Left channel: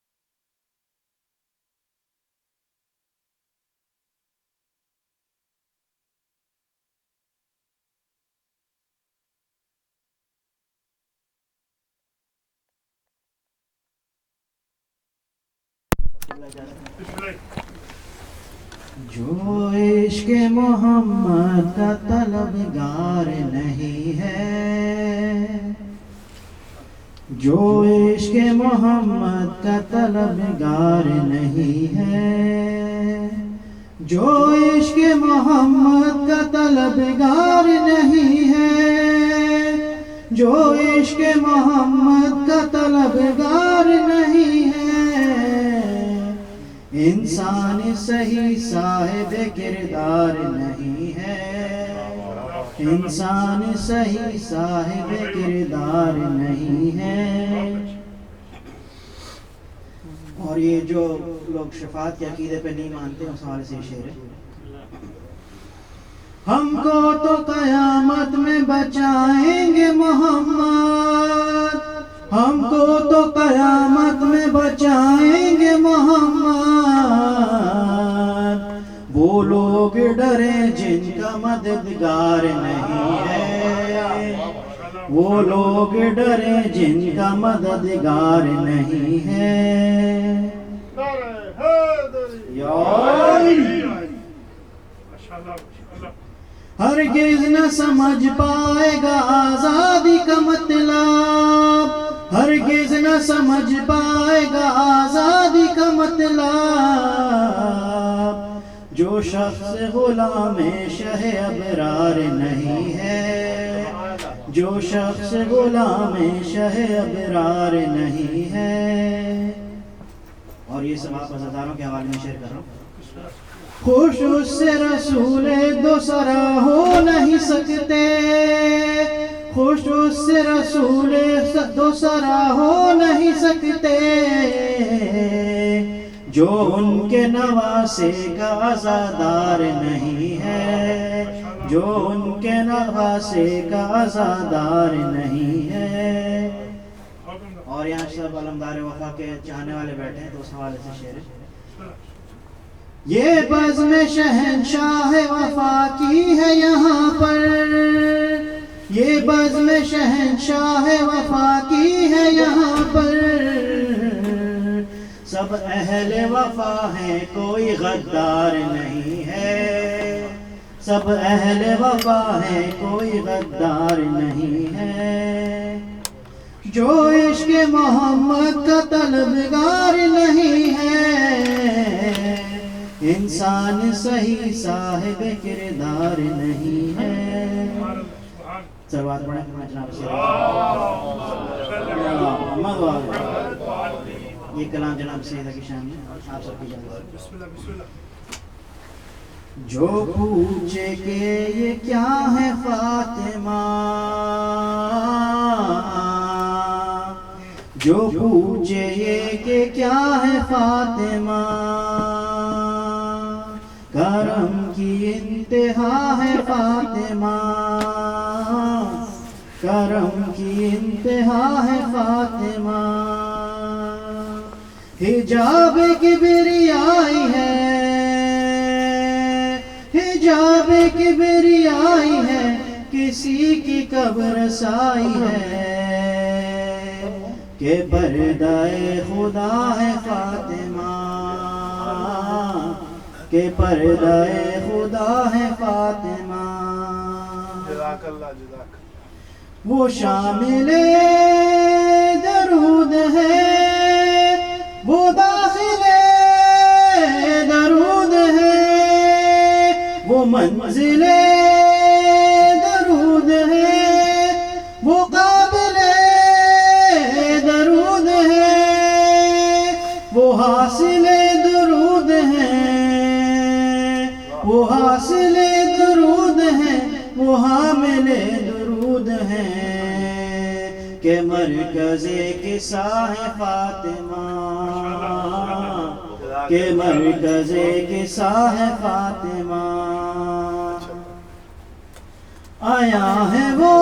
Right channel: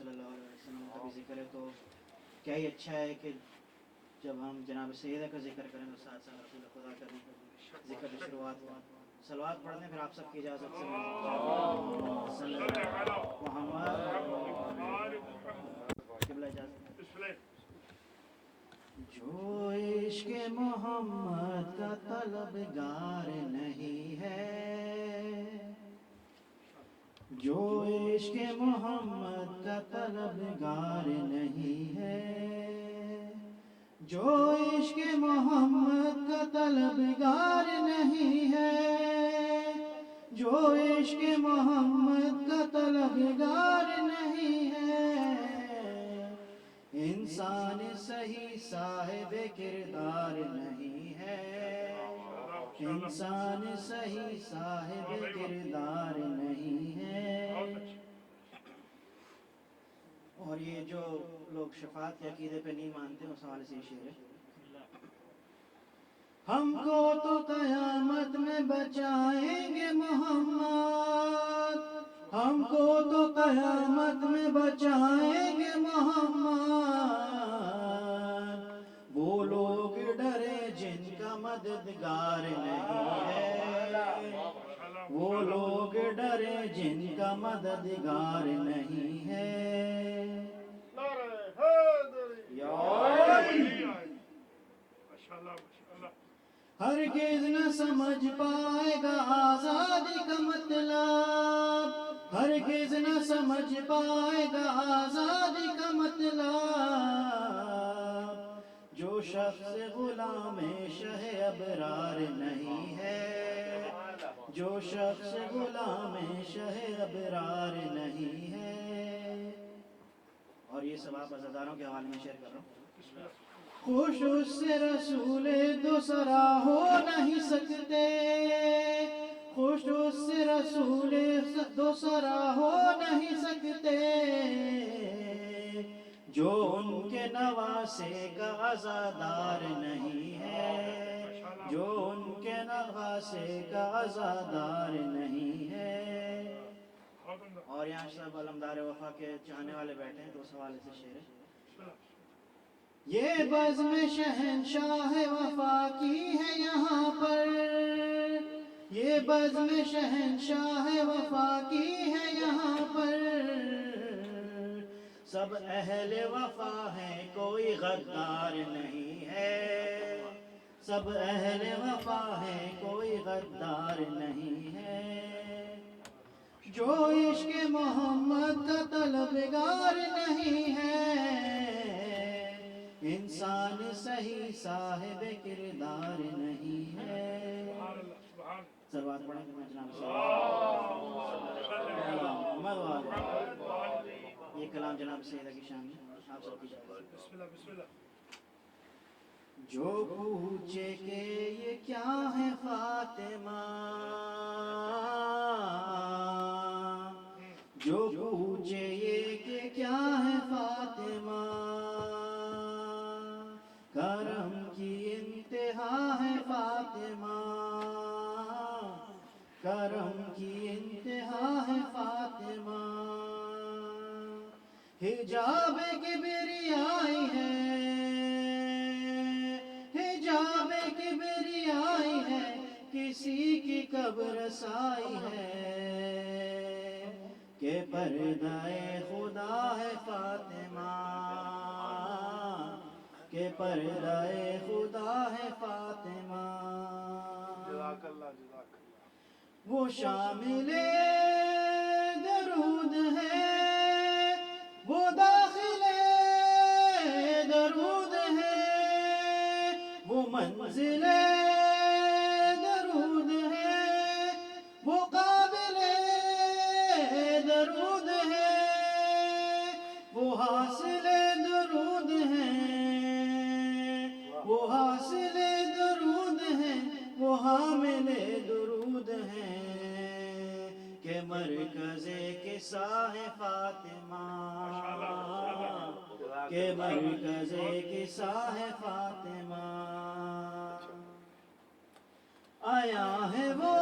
صلی اللہ علیہ وسلم کا بھی ذکر ہے، تو کیا ہی اچھا ہے کہ جب ہم جناب سیدہ کا ذکر کریں تو ساتھ ساتھ رسول خدا کا ذکر کی شروعات ہو. صلوات پڑھ دیں، پھر آپ سب کی اجازت سے جو عشق محمد کا طلبگار نہیں ہے، جو عشق محمد کا طلبگار نہیں ہے، جو عشق محمد کا طلبگار نہیں ہے، جو عشق محمد کا طلبگار نہیں ہے، انسان صحیح صاحب کردار نہیں ہے، انسان صحیح صاحب کردار نہیں ہے. اور یہ جو لوگ شفاعت کے عقیدے پہ نہیں مانتے ہیں، اس حوالے سے شعر ہے: ہم کو تو قیامت میں بچائیں گے محمد، ہم کو تو قیامت میں بچائیں گے محمد، وہ لوگ ڈرے جن کا مددگار نہیں ہے، وہ لوگ ڈرے جن کا مددگار نہیں ہے. ہرگز نہ سمجھ پائے گا آزادی کا مطلب، ہرگز نہ سمجھ پائے گا آزادی کا مطلب، جو شخص غلام شہ ابرار نہیں ہے، جو شخص غلام شہ ابرار نہیں ہے. اور یہ سب آپ عزاداروں کے حوالے میں شیئر کر رہا ہوں. خوش اس سے رسول دو سرا ہو نہیں سکتے، خوش اس سے رسول دو سرا ہو نہیں سکتے، جو ان کے نواسے کا عزادار نہیں ہے، جو ان کے نواسے کا عزادار نہیں ہے. اور یہاں سب علمدار وفا کے چاہنے والے بیٹھے ہیں، تو اس حوالے سے شعر ہے: یہ بزم شہنشاہ وفا کی ہے یہاں پر، یہ بزم شہنشاہ وفا کی ہے یہاں پر، سب اہل وفا ہیں کوئی غدار نہیں ہے، سب اہل وفا ہیں کوئی غدار نہیں ہے. جو عشق محمد کا طلبگار نہیں ہے، انسان صحیح صاحب کردار نہیں ہے. صلوات پڑھیں جناب یہ کلام جناب سیدہ کی شان میں آپ سب کی اجازت. جو پوچھے کہ یہ کیا ہے فاطمہ، جو پوچھے یہ کہ کیا ہے فاطمہ، کرم کی انتہا ہے فاطمہ، کرم کی انتہا ہے فاطمہ، حجاب کبریائی ہے، حجاب کبریائی ہے، کسی کی قبر سائی ہے، کہ پردہ خدا ہے فاطمہ، کہ پردہ خدا ہے فاطمہ. جزاک اللہ جزاک. وہ شامل درود ہے، وہ داخل درود ہے، وہ منزل درود ہے، وہ قابل درود ہے، وہ حاصل درود ہے، وہ حاصل درود ہے، وہ حامل درود ہے، کہ مرکز قصہ ہے فاطمہ، کہ مرکز قصہ ہے فاطمہ. آیا ہے وہ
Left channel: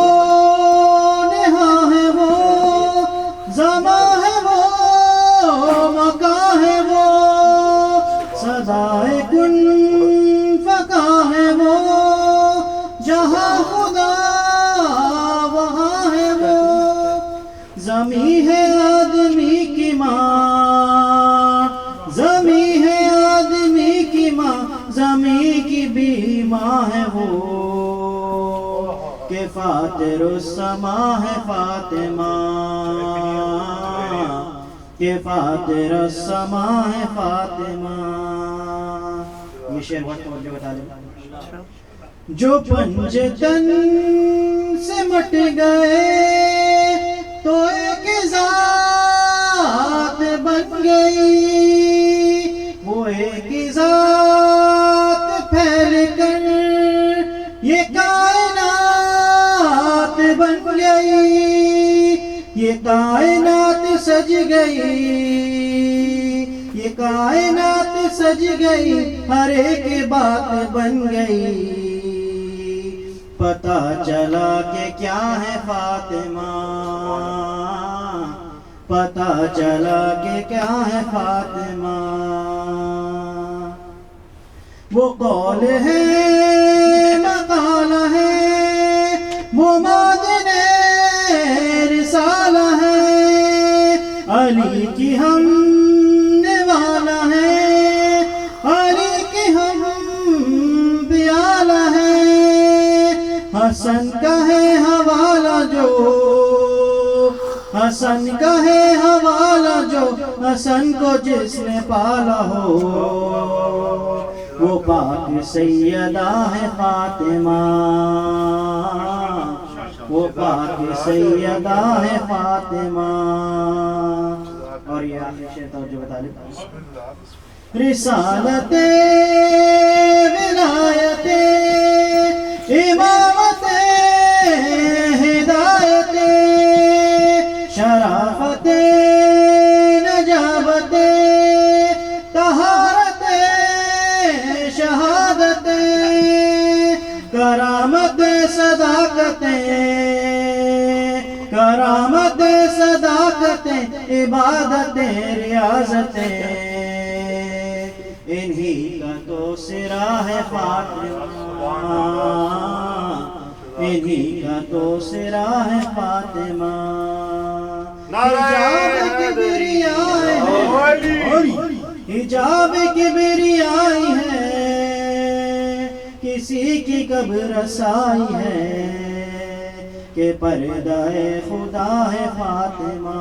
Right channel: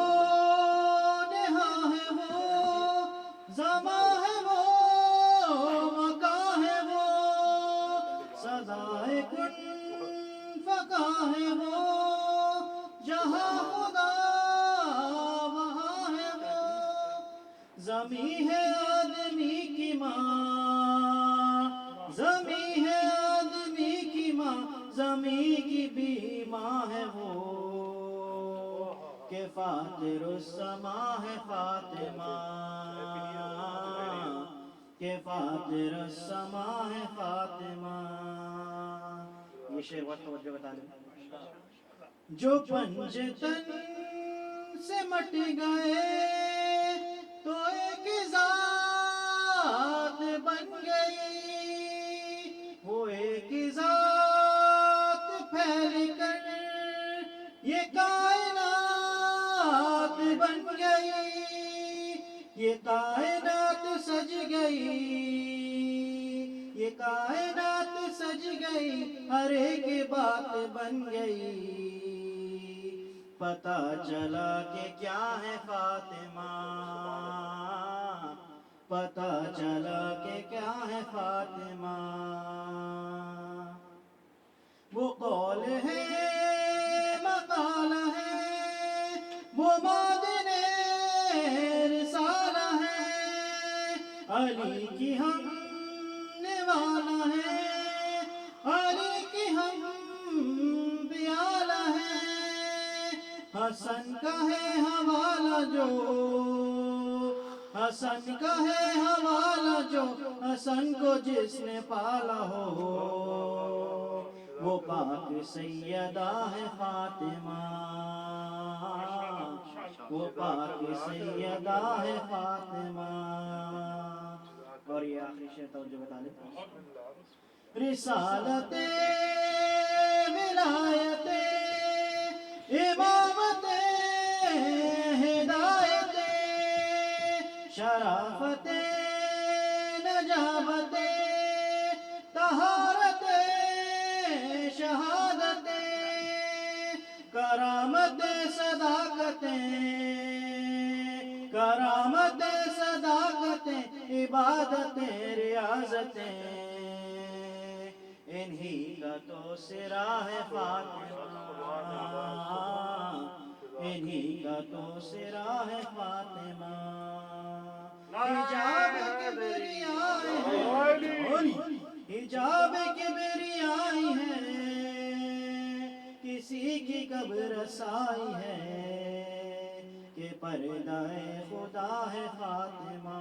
نہا ہے وہ زماں ہے وہ فاتر السما ہے فاطمہ، کہ فاتر السما ہے فاطمہ. یہ شعر بہت توجہ بتا دیں. جو پنجتن سے مٹ گئے تو ایک ذات بن گئی، وہ ایک ذات پھیل کر یہ کائنات بن گئی، یہ کائنات سج گئی، یہ کائنات سج گئی، ہر ایک بات بن گئی. پتہ چلا کہ کیا ہے فاطمہ، پتہ چلا کہ کیا ہے فاطمہ. وہ قول ہے مقال ہے، وہ معدن رسالہ ہے، علی کی ہم نوالا ہے، علی کی ہم پیالہ ہے. حسن کا ہے حوالہ جو، حسن کا ہے حوالہ جو، حسن کو جس نے پالا ہو، وہ پاک سیدہ ہے فاطمہ، وہ پاک سیدہ ہے فاطمہ. اور یہ آخری شعر توجہ بتا لیں. رسالت ولایت امامت ہدایت شرافت نجابت طہارت شہادت کرامت صداقت، کرامت صداقت عبادت ریاضت. انہی کا تو سرا ہے فاطمہ، انہی کا تو سرا ہے فاطمہ. حجاب کبریائی ہے، حجاب کبریائی ہے، کسی کی کب رسائی ہے، کہ پردہ خدا ہے فاطمہ.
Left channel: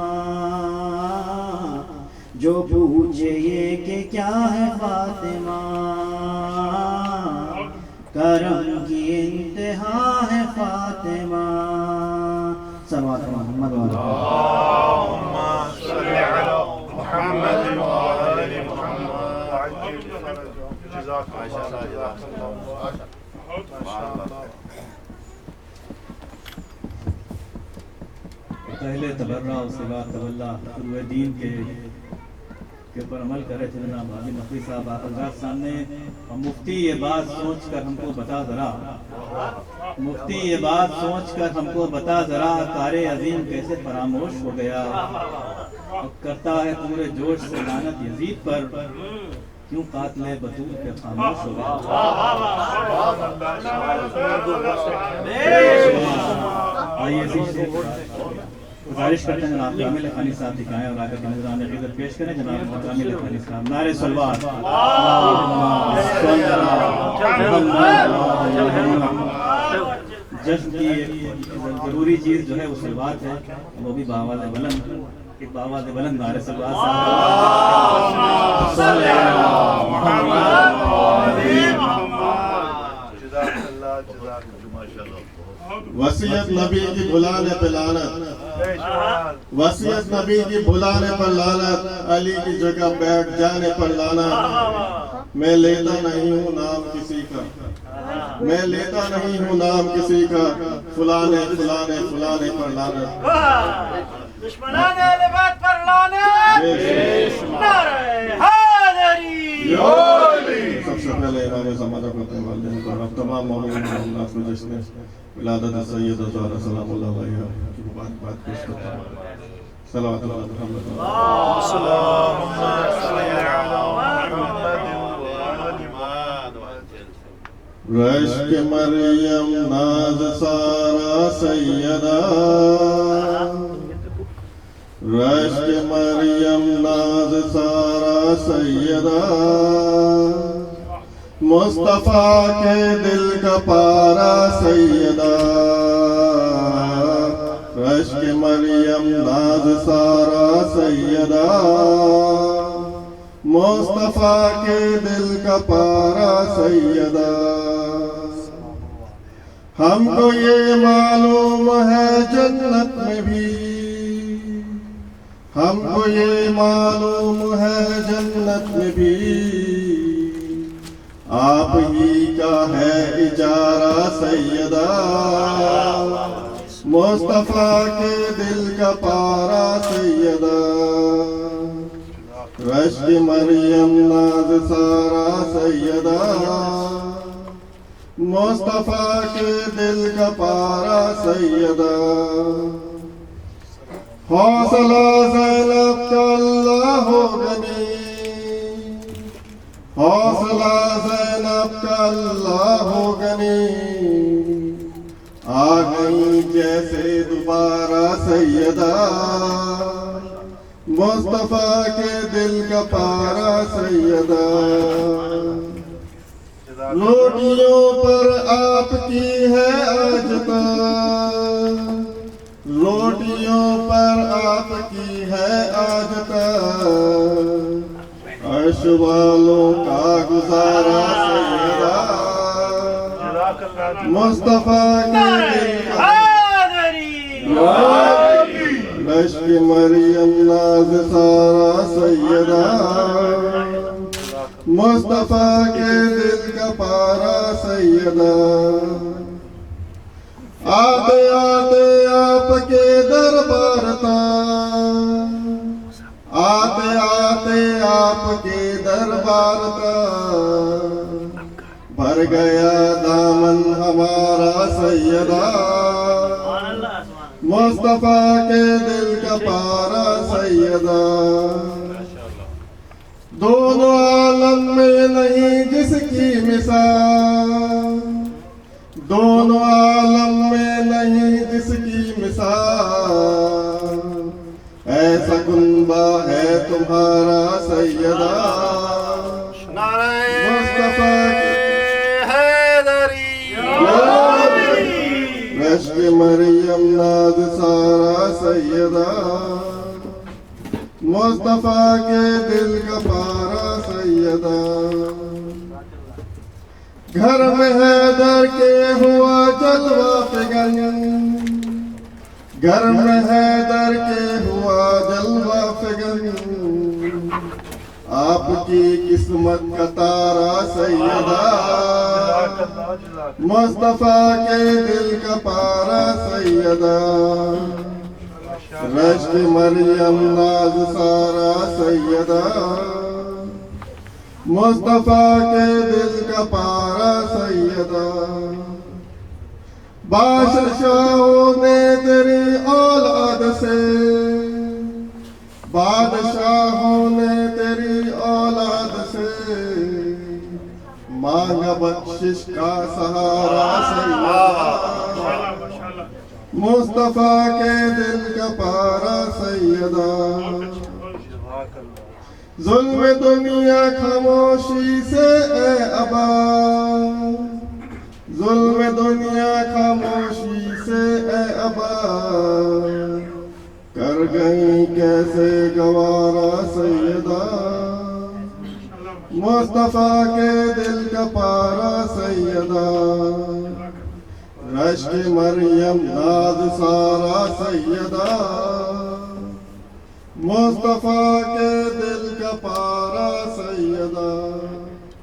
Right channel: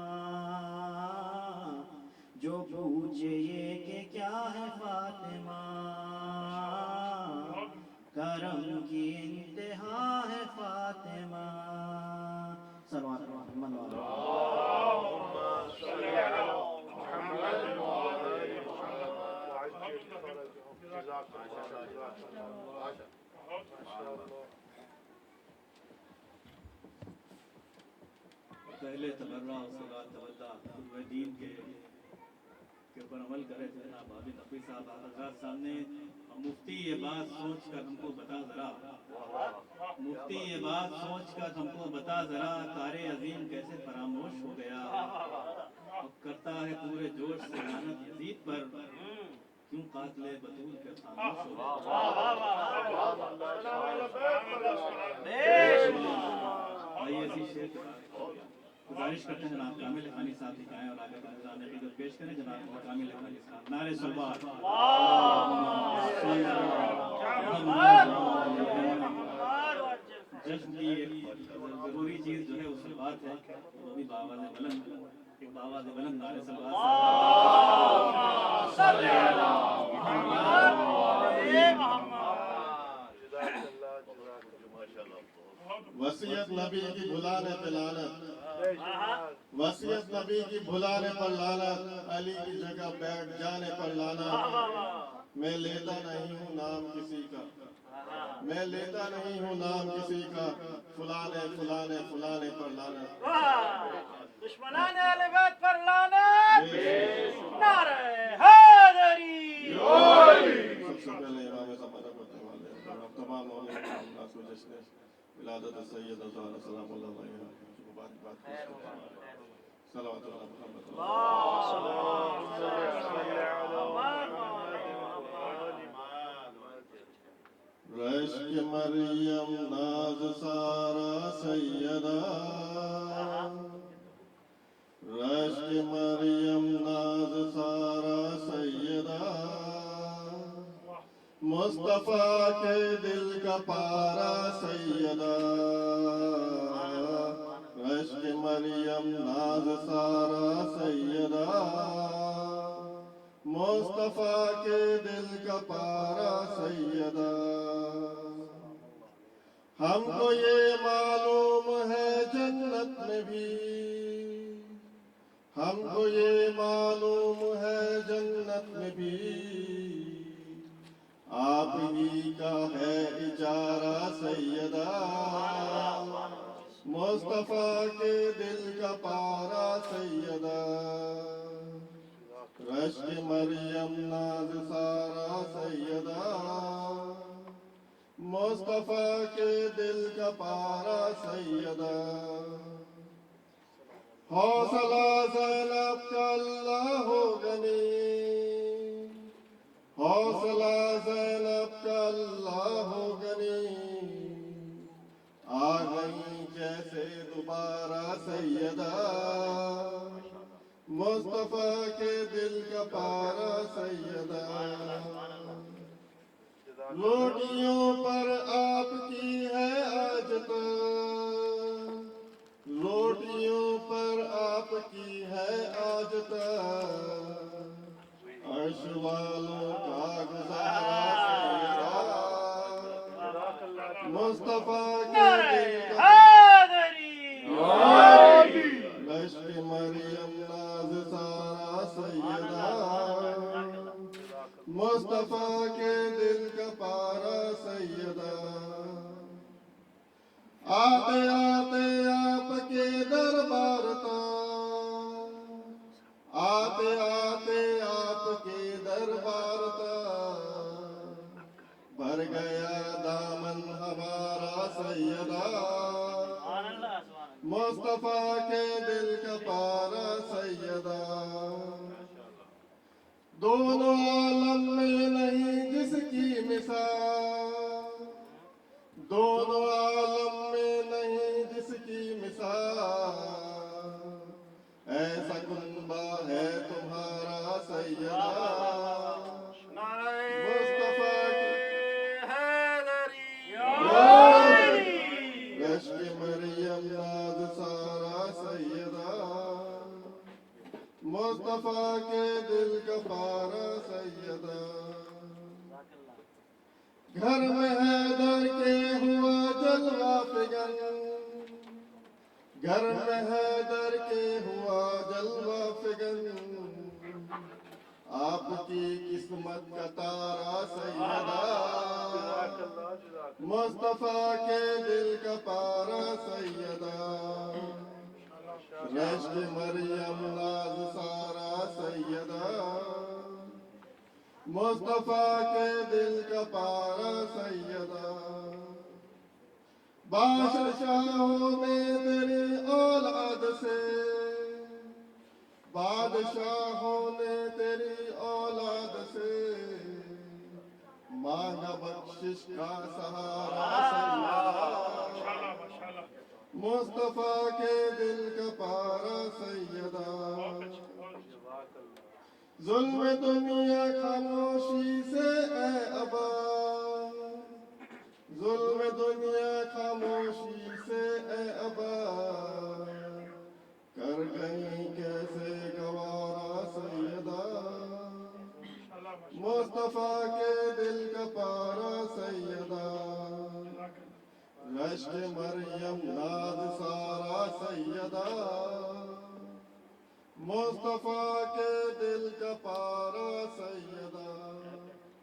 جو پوچھے یہ کہ کیا ہے فاطمہ، کرم کی انتہا ہے فاطمہ. صلوات محمد اللهم صل على محمد وآل محمد عجل فرجهم. جزاك الله ما شاء الله. پہلے تبرہ و صلاح طلّہ قروِ دین کے اوپر عمل کرے تھے جناب حاجی نقوی صاحب. آپ حضرات سامنے مفتی یہ بات سوچ کر ہم کو بتا ذرا، مفتی یہ بات سوچ کر ہم کو بتا ذرا، کار عظیم کیسے فراموش ہو گیا، کرتا ہے پورے جوش سے لعنت یزید پر، کیوں قاتل بطول پہ خاموش ہو گیا. آئیے گزارش کرتے ہیں جناب کامل لکھانی صاحب دکھائیں اور آگے کی نظران عقیدت پیش کریں. جناب کامل لکھانی صاحب نعرہ صلوات. جشن کی ضروری چیز جو ہے وہ صلوات ہے، وہ بھی بآواز بلند، ایک بآواز بلند نعرہ صلوات وصیت نبی کی بھلانے پہ لعنت، وصیت نبی کی بھلانے پر لعنت، علی کی جگہ بیٹھ جانے پر لعنت. میں لیتا نہیں ہوں نام کسی کا، میں لیتا نہیں ہوں نام کسی کا، فلانے فلانے فلانے پر لعنت. دشمنان اہل بیت پر لعنت. نعرہ حیدری. سب سے پہلے امام زمانہ کو والدین کو اور تمام مومنین اللہ کو جشن ولادت سید زہرا سلام اللہ علیہ کی مبارکباد پیش کرتا ہوں. صلوات اللہ محمد. اللهم صل على محمد وآل محمد. رشک مریم ناز سارا سیدہ، رشک مریم ناز سارا سیدہ، مصطفیٰ کے دل کا پارا سیدہ، رشک مریم ناز سارا سیدہ مصطفیٰ کے دل کا پارا سیدہ ہم کو یہ معلوم ہے جنت میں بھی ہم کو یہ معلوم ہے جنت میں بھی آپ ہی کا ہے اجارہ سیدہ مصطفیٰ کے دل کا پارا سیدہ رشک مریم ناز سارا سیدہ مصطفیٰ کے دل کا پارا سیدہ حوصلہ زینب کا اللہ ہو غنی حوصلہ زینب کا اللہ ہو غنی آ گئی جیسے دوبارہ سیدہ مصطفیٰ کے دل کا پارا سیدہ روٹیوں پر آپ کی ہے آج تک روٹیوں پر آپ کی ہے آج تک عرش والوں کا گزارا سیدہ مصطفیٰ کے دل کا رشک مریم ناز سارا سیدہ مصطفیٰ کے دل کا پارا سیدہ آتے آتے آپ کے دربار تک آتے آتے آپ کے دربار تک بھر گیا دامن ہمارا سیدہ مصطفیٰ کے دل کا پارا سیدہ دونوں عالم میں نہیں جس کی مثال دونوں عالم میں نہیں جس کی مثال ایسا کنبہ ہے تمہارا سیدہ مصطفیٰ کے رشک مریم ناز سارا سیدہ مصطفیٰ کے دل کا پارا سیدہ گھر میں حیدر کے ہوا جلوہ فگن گھر میں حیدر کے ہوا جلوہ فگن آپ کی قسمت کا تارا سیدہ مصطفیٰ کے دل کا پارا سیدہ رشک مریم ناز سارا سیدہ مصطفیٰ کے دل کا پارا سیدہ بادشاہوں نے تیری اولاد سے بادشاہوں نے تیری اولاد سے مانگا بخشش کا سہارا سیدہ مصطفیٰ کے دل کا پارا سیدہ ظلم دنیا خاموشی سے اے ابا ظلم دنیا خاموشی سے اے ابا کر گئی کیسے گوارا سیدہ مصطفیٰ کے دل کا پارا سیدہ رشک مریم ناز سارا سیدہ مصطفیٰ کے دل کا پارا سیدہ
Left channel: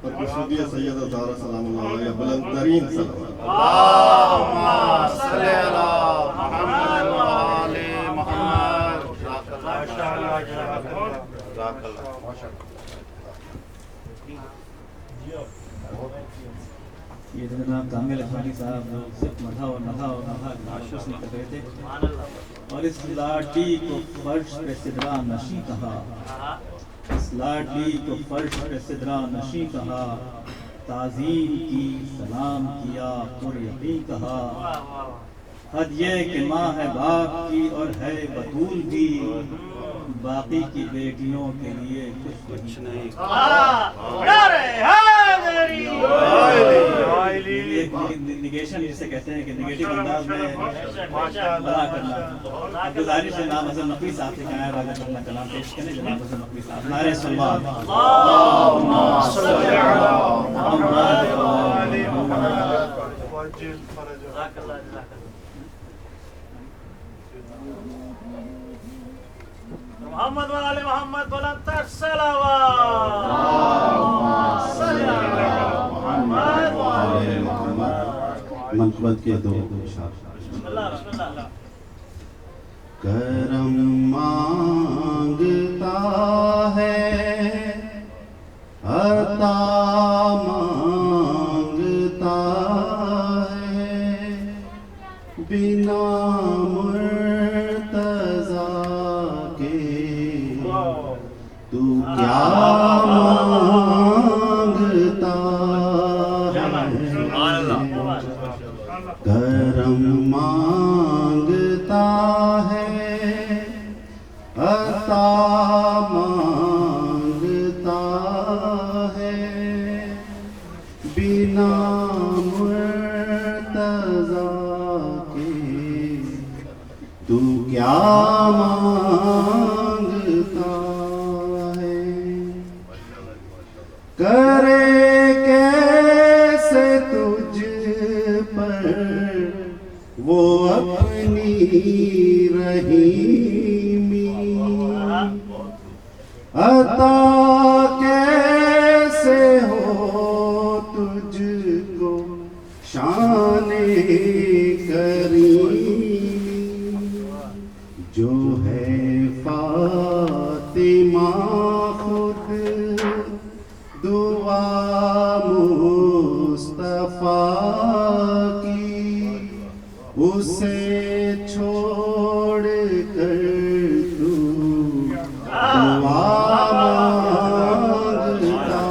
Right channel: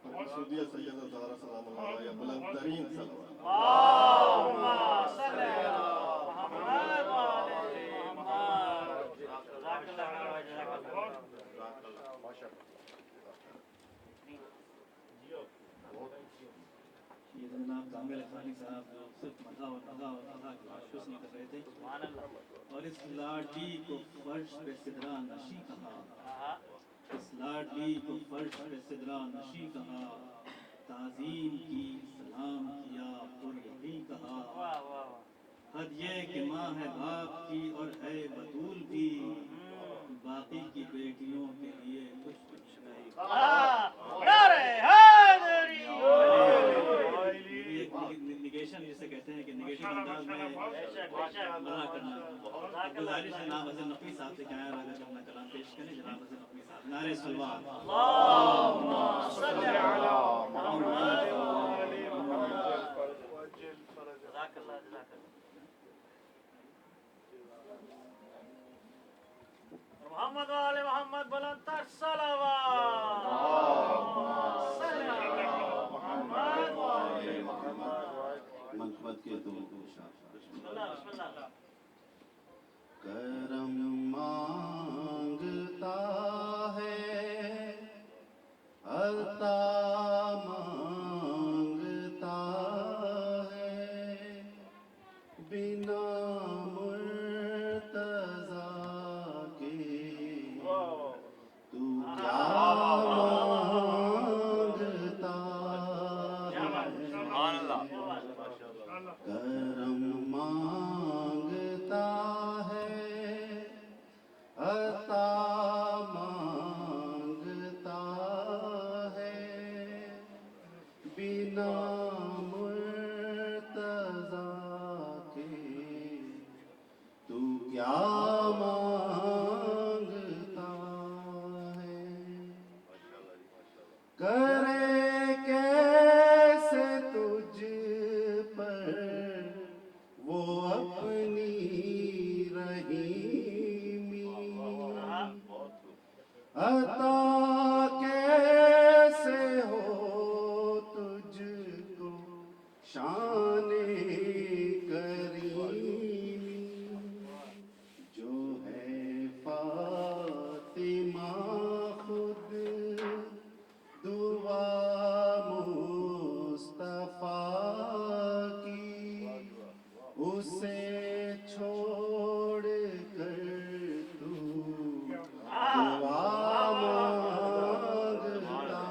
پر کشودیہ سیدہ زہرا سلام اللہ علیہ بلند ترین صلوات اللہم صلی علی محمد و آل محمد یہ جناب کامل افغانی صاحب جو صرف مدھا اور نبھا اور نبھا ناشوس نہیں کر رہے تھے اور اس لاٹھی کو فرش پہ صدرہ نشی کہا اس لاٹھی کو فرش پہ صدرہ نشی کہا تعظیم کی سلام کیا پر یقین کہا حد یہ کہ ماں ہے باپ کی اور ہے بطول بھی باقی کی بیٹیوں کے لیے کچھ نہیں نعرہ حیدری ایک نگیشن جسے کہتے ہیں کہ نگیٹو انداز میں بڑا کرنا. گزارش ہے جناب حسن نقوی صاحب سے کہا ہے اپنا کلام پیش کریں. جناب حسن نقوی صاحب نعرہ صلوات. اللهم صل على محمد وآل محمد. محمد وآل محمد بلند الصلوات. صل على محمد وآل محمد. منقبت کے دو اشعار. بسم اللہ بسم اللہ. کرم مانگتا ہے عطا مانگتا ہے بنا مرتضی کے تو کیا مانگتا ہے. کرم مانگتا ہے عطا مانگتا ہے بنا مرتضی کے تو کیا مانگتا ہے. کرے کیسے تجھ پر وہ اپنی رحیمی عطا کیسے ہو تجھ کو شان کریمی جو ہے فاطمہ خود دعا مصطفیٰ کی اسے چھوڑ کر تو دعا مانگتا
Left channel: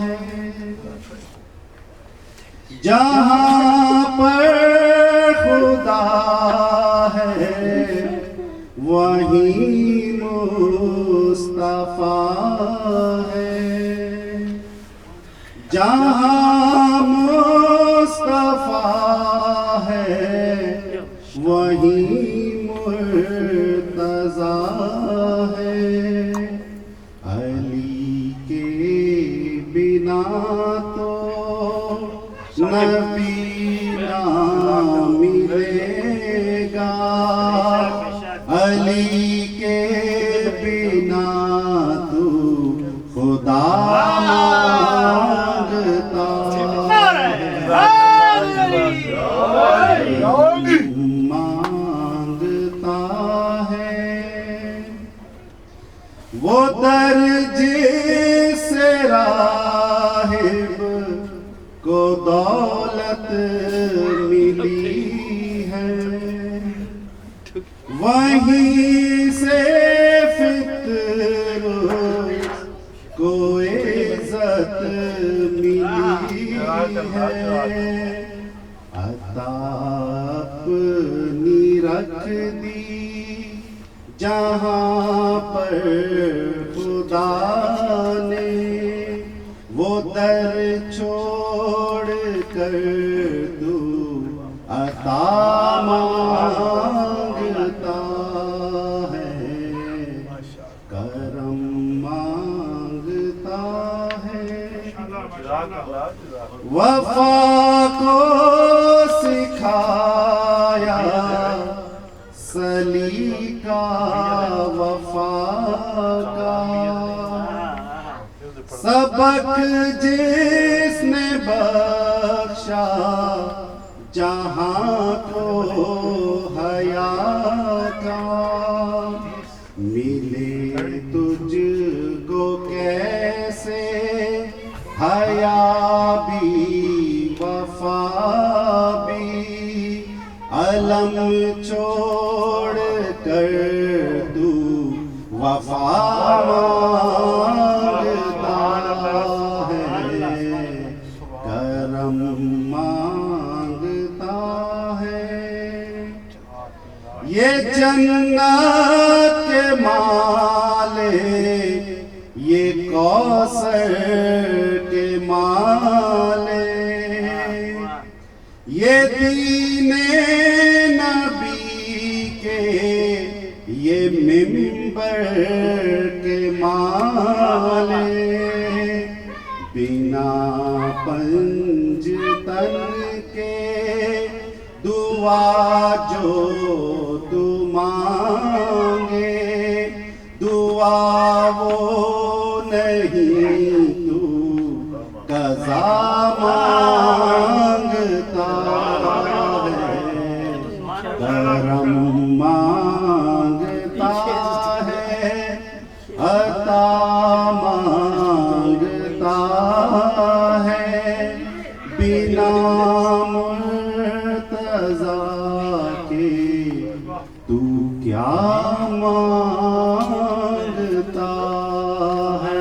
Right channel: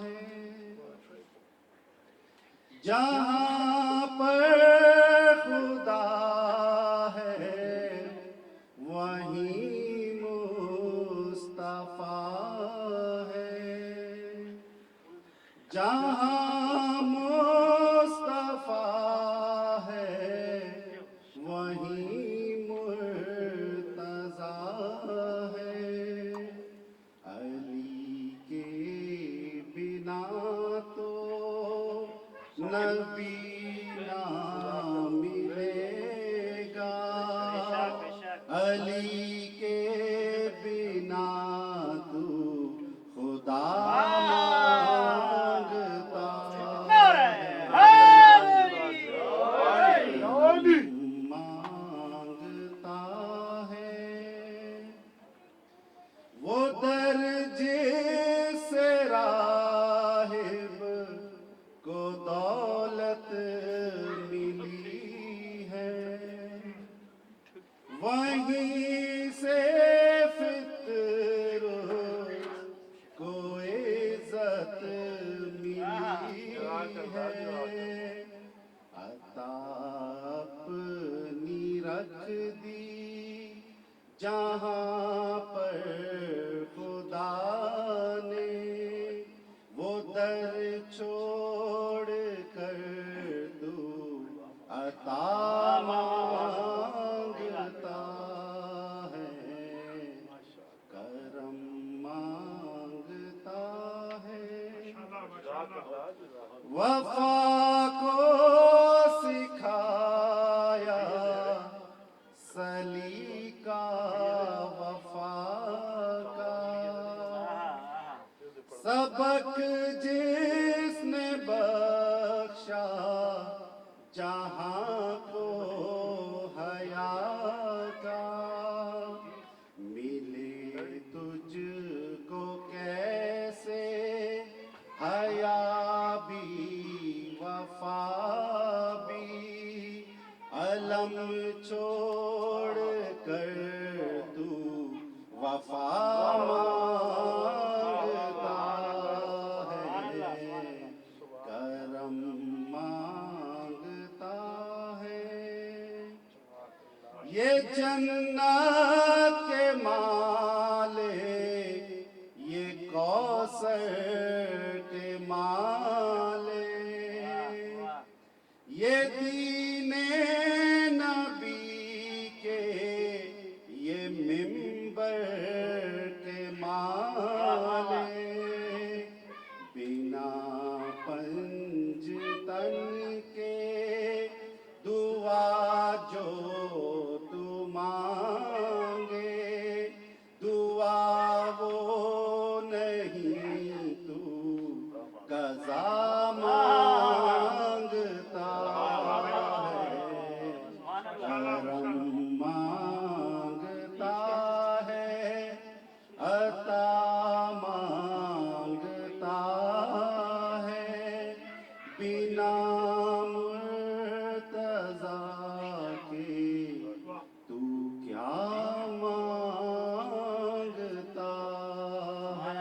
ہے. جہاں پر خدا ہے وہیں مصطفیٰ ہے. جہاں مصطفیٰ ہے وہیں مرتضی ہے. علی کے بنا تو نبی نہ ملے گا. علی کے بنا تو خدا مانگتا ہے. وہ در جس راہب کو دولت ملی ہے وہیں سے فطر کو عزت ملی ہے. عطا اپنی رکھ دی جہاں پر خدا نے وہ در چھوڑ کر تو عطا مانگتا ہے. کرم مانگتا ہے. وفا کو سکھایا سلیقہ وفا کا. سبق جس نے بخشا جہاں کو حیا کا. ملے تجھ کو کیسے حیا بھی وفا بھی علم چھوڑ کر تو وفا مانگتا ہے. کرم مانگتا ہے. یہ جنت کے مالے یہ کوثر کے مالے یہ دین نبی کے یہ ممبر کے مالے بنا پنج تن کے دعا جو تو مانگے دعا وہ نہیں تو قضا مانگتا ہے کرم مانگتا ہے عطا مانگتا ہے بنا مرتضی کے تو کیا مانگتا ہے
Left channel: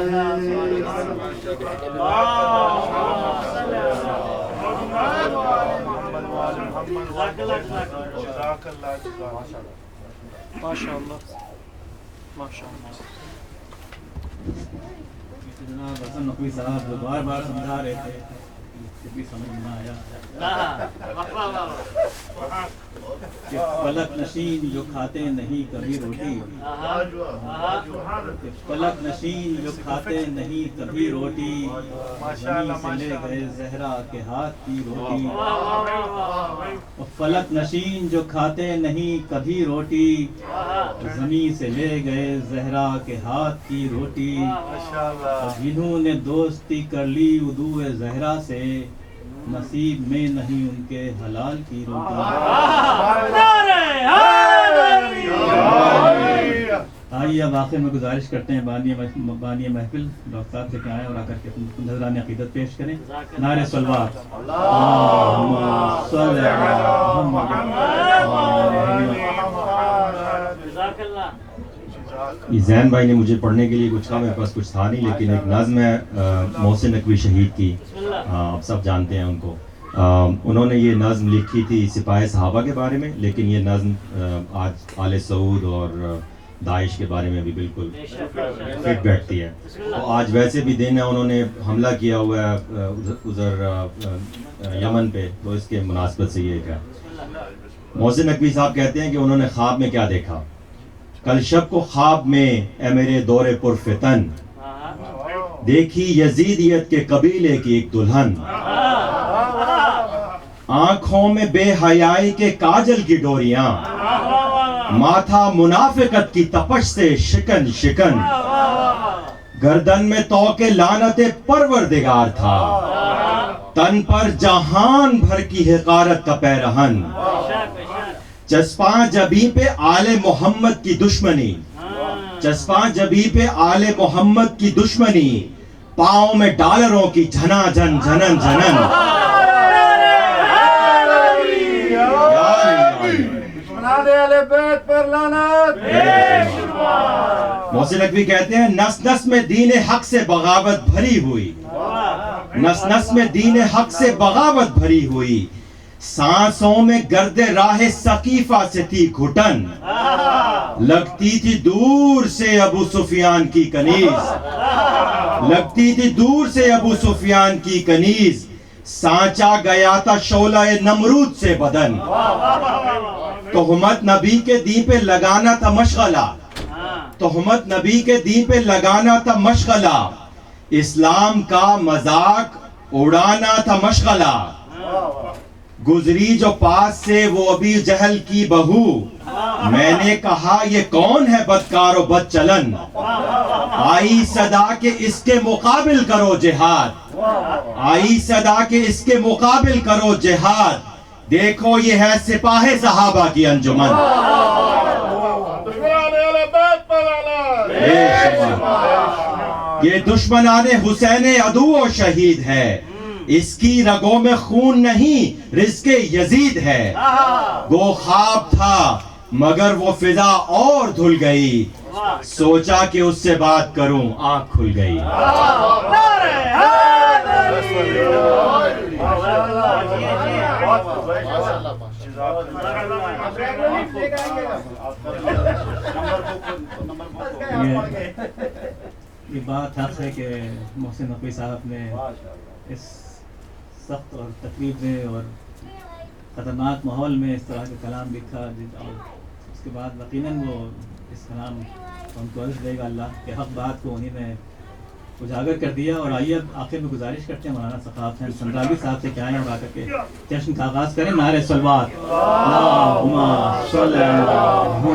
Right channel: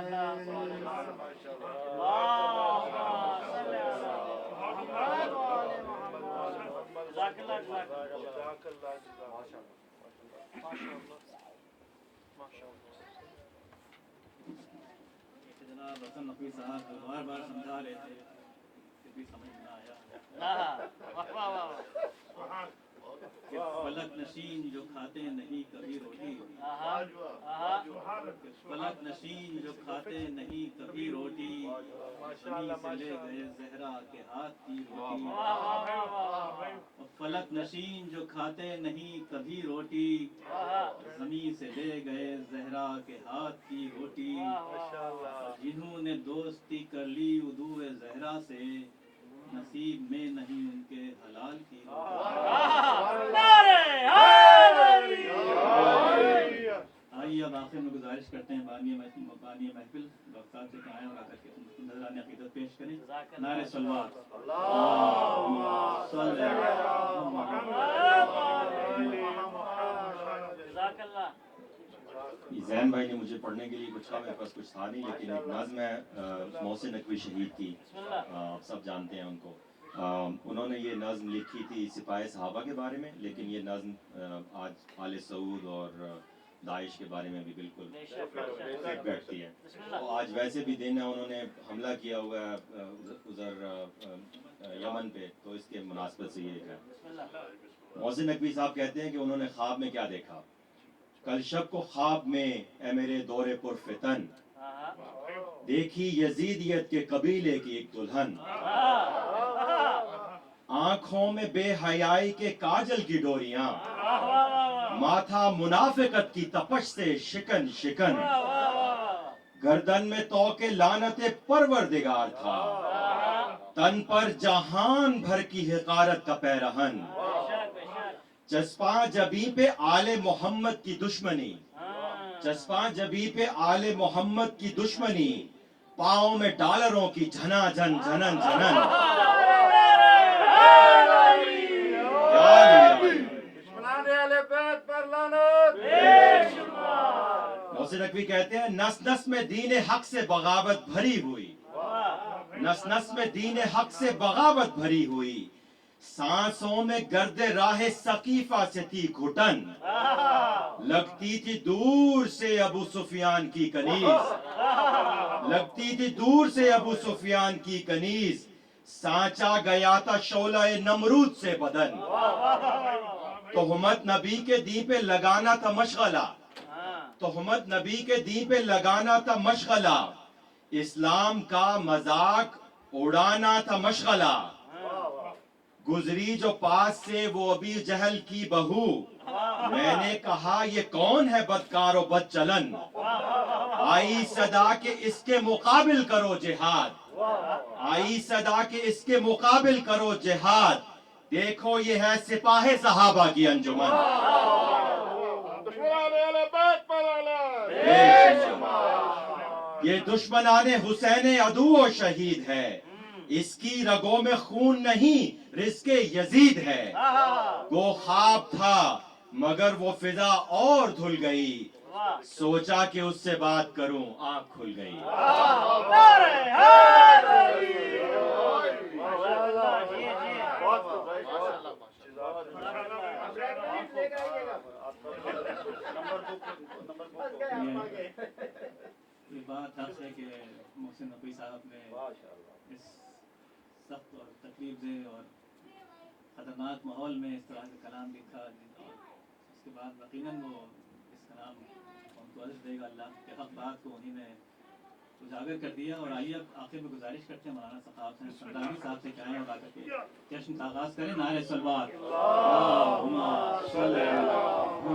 جناب حسن نقوی صاحب جو بار بار سمجھا رہے تھے کچھ بھی سمجھ نہ آیا کہ فلک نشین جو کھاتے نہیں کبھی روٹی کہ فلک نشین جو کھاتے نہیں کبھی روٹی زمین سے لے گئے زہرا کے ہاتھ کی روٹی فلک نشین جو کھاتے نہیں کبھی روٹی زمین سے لے گئے زہرا کے ہاتھ کی روٹی جنہوں نے دوستی کر لی عدو زہرا سے نصیب میں نہیں ان کے حلال کی روٹی آئیے اب آخر میں گزارش کرتے ہیں بانی محفل ڈاکٹر صاحب سے کہ آئیں اور آ کر کے نذران عقیدت پیش کریں نعرہ صلوات اللہم صلی علی محمد زین بھائی نے مجھے پڑھنے کے لیے کچھ کہا، میرے پاس کچھ تھا نہیں، لیکن ایک نظم ہے محسن نقوی شہید کی، آپ سب جانتے ہیں ان کو. انہوں نے یہ نظم لکھی تھی سپاہ صحابہ کے بارے میں، لیکن یہ نظم آج آل سعود اور داعش کے بارے میں بھی بالکل فٹ بیٹھتی ہے. تو آج ویسے بھی دن ہے، انہوں نے حملہ کیا ہوا ہے ادھر یمن پہ، تو اس کے مناسبت سے یہ ہے. محسن نقوی صاحب کہتے ہیں کہ انہوں نے خواب میں کیا دیکھا. کل شب کو خواب میں اے میرے دور پرفتن، دیکھی یزیدیت کے قبیلے کی ایک دلہن، آنکھوں میں بے حیائی کے کاجل کی ڈوریاں، ماتھا منافقت کی تپش سے شکن شکن، گردن میں توق لعنت پروردگار تھا، تن پر جہان بھر کی حقارت کا پیرہن، چسپاں جبی پہ آل محمد کی دشمنی، چسپاں جبی پہ آل محمد کی دشمنی، پاؤں میں ڈالروں کی جھنا جھن جھنن جھنن. محسن نقوی کہتے ہیں نس نس میں دین حق سے بغاوت بھری ہوئی، نس نس میں دین حق سے بغاوت بھری ہوئی، سانسوں میں گرد راہ ثقیفہ سے تھی گھٹن، لگتی تھی دور سے ابو سفیان کی کنیز، لگتی تھی دور سے ابو سفیان کی کنیز، سانچا گیا تھا شعلہ نمرود سے بدن، تہمت نبی کے دین پہ لگانا تھا مشغلہ، تہمت نبی کے دین پہ لگانا تھا مشغلہ، اسلام کا مذاق اڑانا تھا مشغلہ، گزری جو پاس سے وہ ابی جہل کی بہو، میں نے کہا یہ کون ہے بدکار و بد چلن، آئی صدا کہ اس کے مقابل کرو جہاد، آئی صدا کہ اس کے مقابل کرو جہاد، دیکھو یہ ہے سپاہ صحابہ کی انجمن. یہ دشمنان حسین عدو و شہید ہے، اس کی رگوں میں خون نہیں رزق یزید ہے، وہ خواب تھا مگر وہ فضا اور دھل گئی، سوچا کہ اس سے بات کروں آنکھ کھل گئی. یہ بات حق ہے کہ محسن نقوی صاحب نے اس سخت اور تقریب میں اور خطرناک ماحول میں اس طرح کا کلام لکھا، اور اس کے بعد یقیناً وہ اس کلام ان کو عرض دے گا اللہ کہ حق بات کو انہیں نے اجاگر کر دیا۔ اور آئیے اب آخر میں گزارش کرتے ہیں مولانا ثقاف حسین سندراوی صاحب سے کہ آئیں اور آ کر کے جشن کا آغاز کریں۔ نعرہ صلوات، اللہم صل علی